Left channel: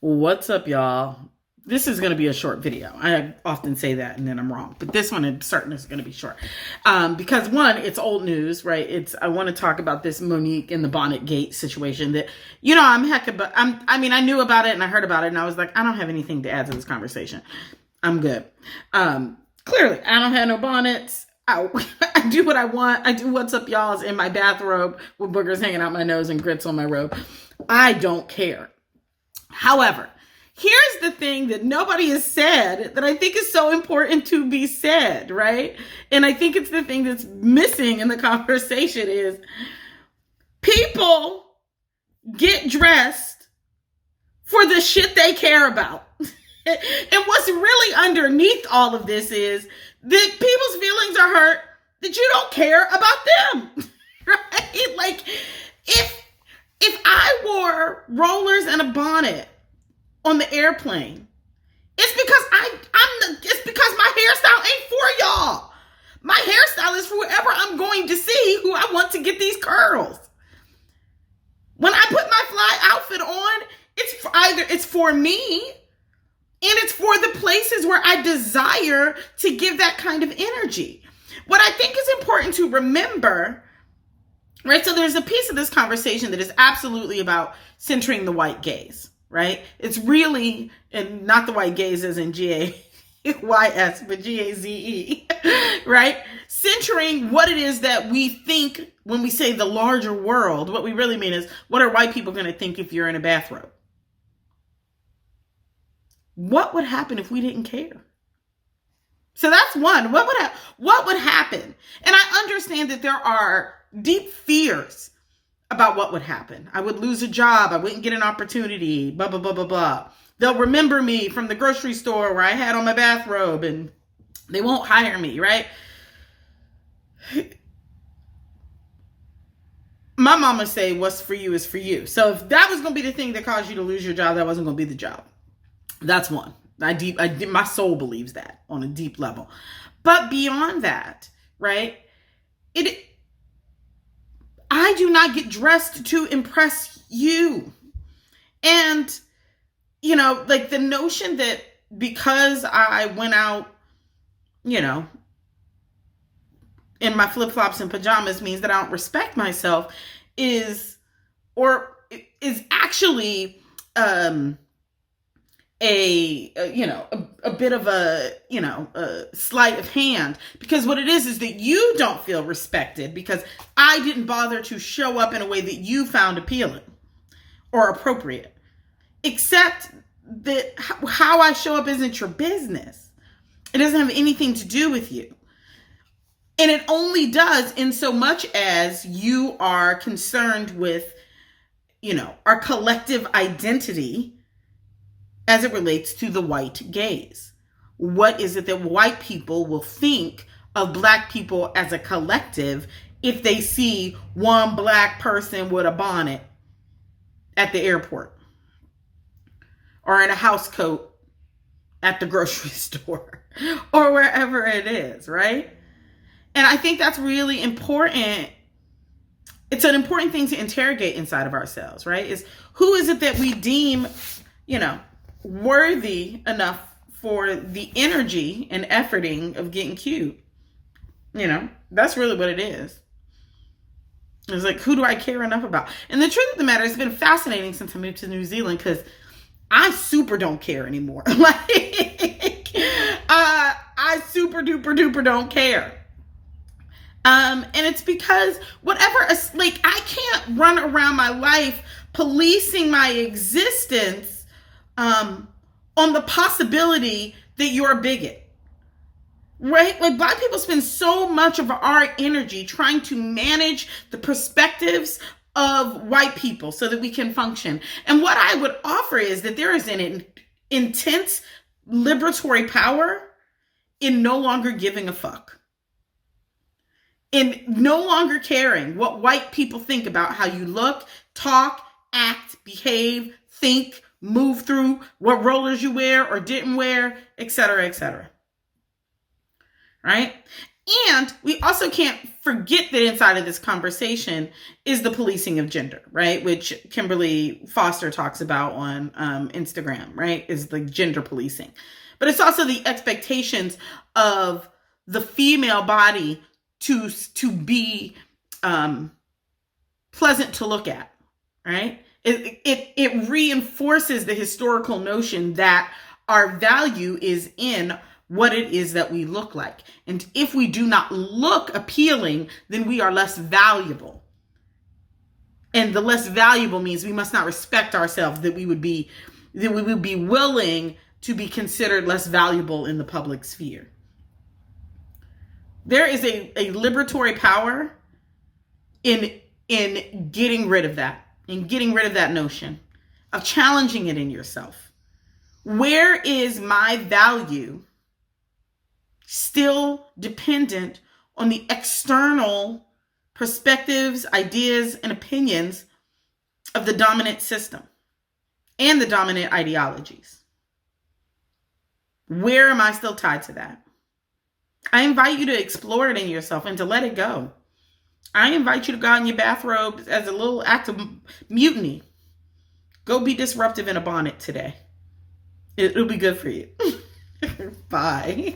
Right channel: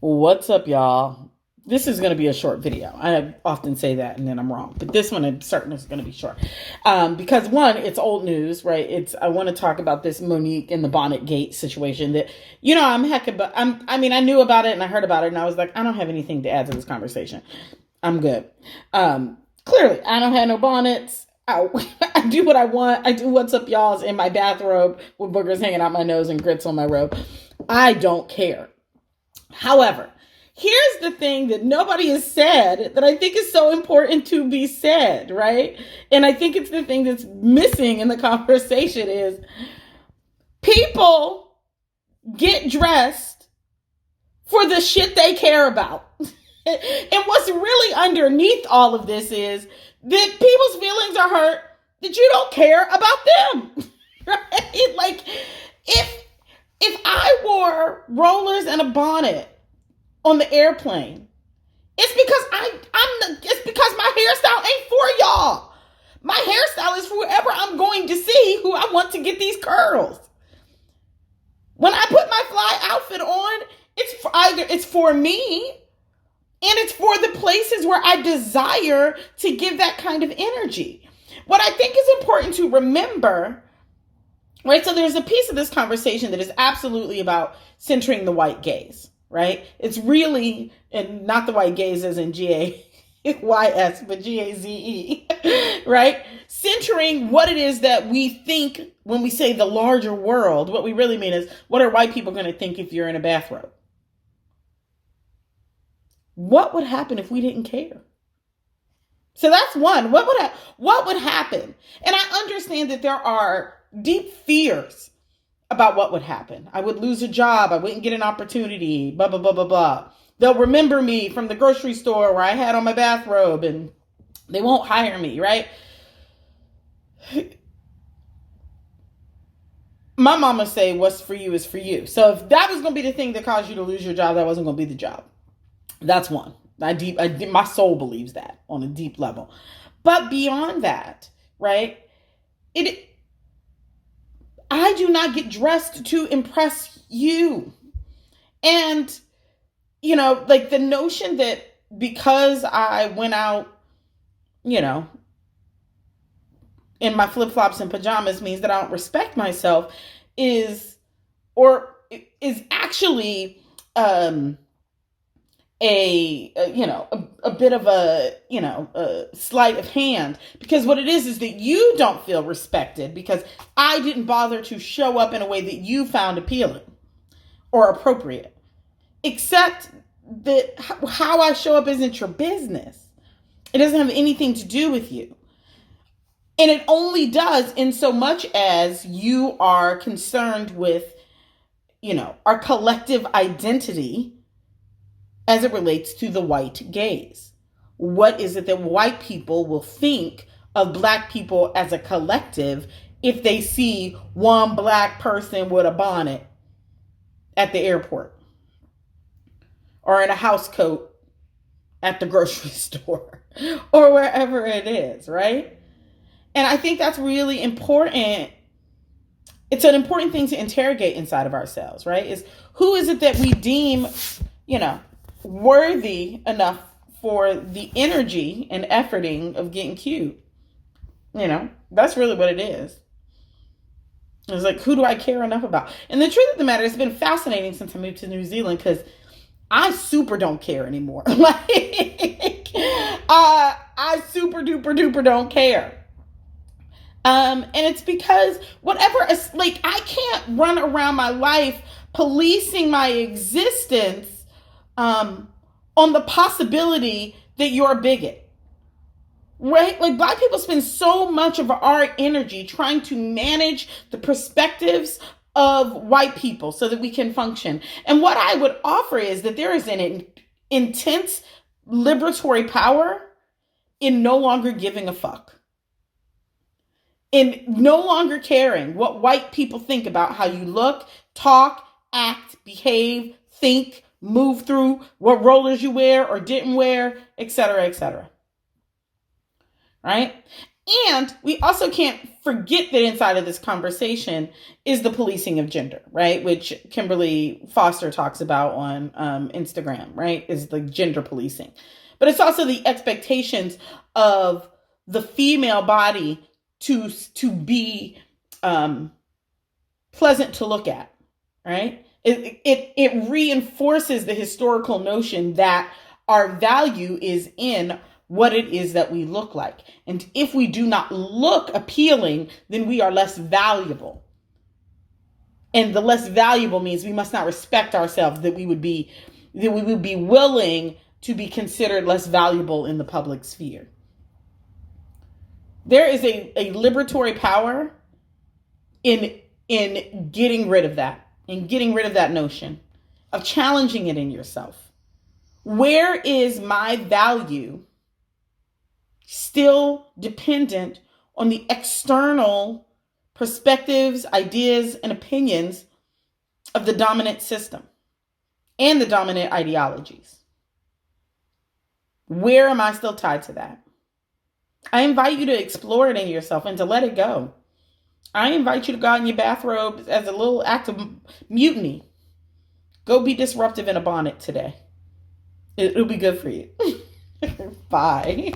What's up, y'all? This is going to be a short video. I often say that and then I'm wrong, but this one I'm certain is going to be short. Because one, it's old news, right? I want to talk about this Monique and the Bonnet Gate situation that, I knew about it and I heard about it and I was like, I don't have anything to add to this conversation. I'm good. Clearly, I don't have no bonnets. I do what I want. I do what's up, y'all's in my bathrobe with boogers hanging out my nose and grits on my robe. I don't care. However, here's the thing that nobody has said that I think is so important to be said, right? And I think it's the thing that's missing in the conversation is people get dressed for the shit they care about. And what's really underneath all of this is that people's feelings are hurt that you don't care about them, right? Like, if I wore rollers and a bonnet on the airplane, it's because my hairstyle ain't for y'all. My hairstyle is for whoever I'm going to see who I want to get these curls. When I put my fly outfit on, it's for me and it's for the places where I desire to give that kind of energy. What I think is important to remember, right? So there's a piece of this conversation that is absolutely about centering the white gaze, right? It's really, and not the white gaze as in G-A-Y-S, but G-A-Z-E, right? Centering what it is that we think when we say the larger world. What we really mean is, what are white people going to think if you're in a bathrobe? What would happen if we didn't care? So that's one. What would happen? And I understand that there are deep fears about what would happen. I would lose a job. I wouldn't get an opportunity, blah, blah, blah, blah, blah. They'll remember me from the grocery store where I had on my bathrobe and they won't hire me, right? My mama say, what's for you is for you. So if that was going to be the thing that caused you to lose your job, that wasn't going to be the job. That's one. My soul believes that on a deep level. But beyond that, right? I do not get dressed to impress you. And, like the notion that because I went out, in my flip-flops and pajamas means that I don't respect myself is actually, a bit of a sleight of hand, because what it is that you don't feel respected because I didn't bother to show up in a way that you found appealing or appropriate, except that how I show up isn't your business. It doesn't have anything to do with you. And it only does in so much as you are concerned with, our collective identity as it relates to the white gaze. What is it that white people will think of Black people as a collective if they see one Black person with a bonnet at the airport or in a house coat at the grocery store or wherever it is, right? And I think that's really important. It's an important thing to interrogate inside of ourselves, right? Is who is it that we deem, worthy enough for the energy and efforting of getting cute? That's really what it is. It's like, who do I care enough about? And the truth of the matter, it's been fascinating since I moved to New Zealand because I super don't care anymore. I super duper duper don't care. And it's because I can't run around my life policing my existence on the possibility that you're a bigot, right? Like, Black people spend so much of our energy trying to manage the perspectives of white people so that we can function. And what I would offer is that there is an intense liberatory power in no longer giving a fuck, in no longer caring what white people think about how you look, talk, act, behave, think, move through, what rollers you wear or didn't wear, et cetera, right? And we also can't forget that inside of this conversation is the policing of gender, right? Which Kimberly Foster talks about on Instagram, right? Is the gender policing. But it's also the expectations of the female body to be pleasant to look at, right? It reinforces the historical notion that our value is in what it is that we look like. And if we do not look appealing, then we are less valuable. And the less valuable means we must not respect ourselves, that we would be willing to be considered less valuable in the public sphere. There is a liberatory power in getting rid of that, in getting rid of that notion, of challenging it in yourself. Where is my value still dependent on the external perspectives, ideas, and opinions of the dominant system and the dominant ideologies? Where am I still tied to that? I invite you to explore it in yourself and to let it go. I invite you to go out in your bathrobe as a little act of mutiny. Go be disruptive in a bonnet today. It'll be good for you. Bye.